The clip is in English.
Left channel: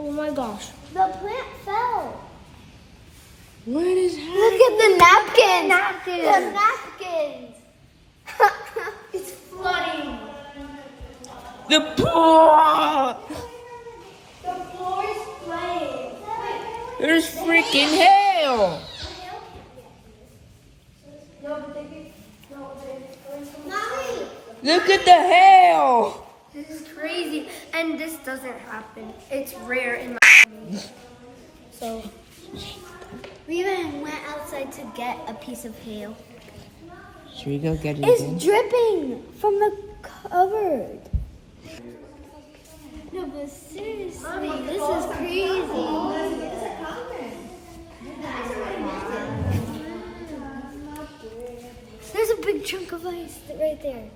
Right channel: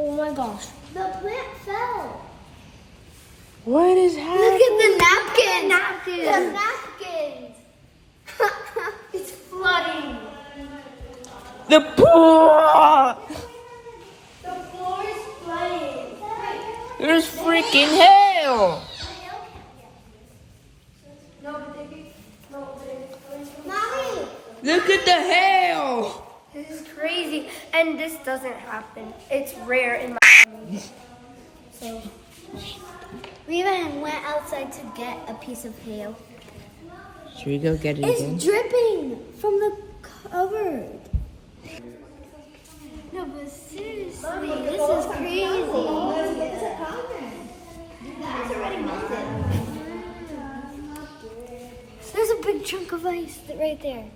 Oh my gosh. The plant fell. What is happening? Look at the napkins. Napkins. The napkins. It's flooding. The pool! The floor is flooding. There's freaking hail! Mommy. Look at the hail! This is crazy. And this doesn't happen. It's rare in my So We even went outside to get a piece of hail. Should we go get it It's again? dripping from the cupboard. No, but seriously, Mommy, this is crazy. There's a big chunk of ice right there.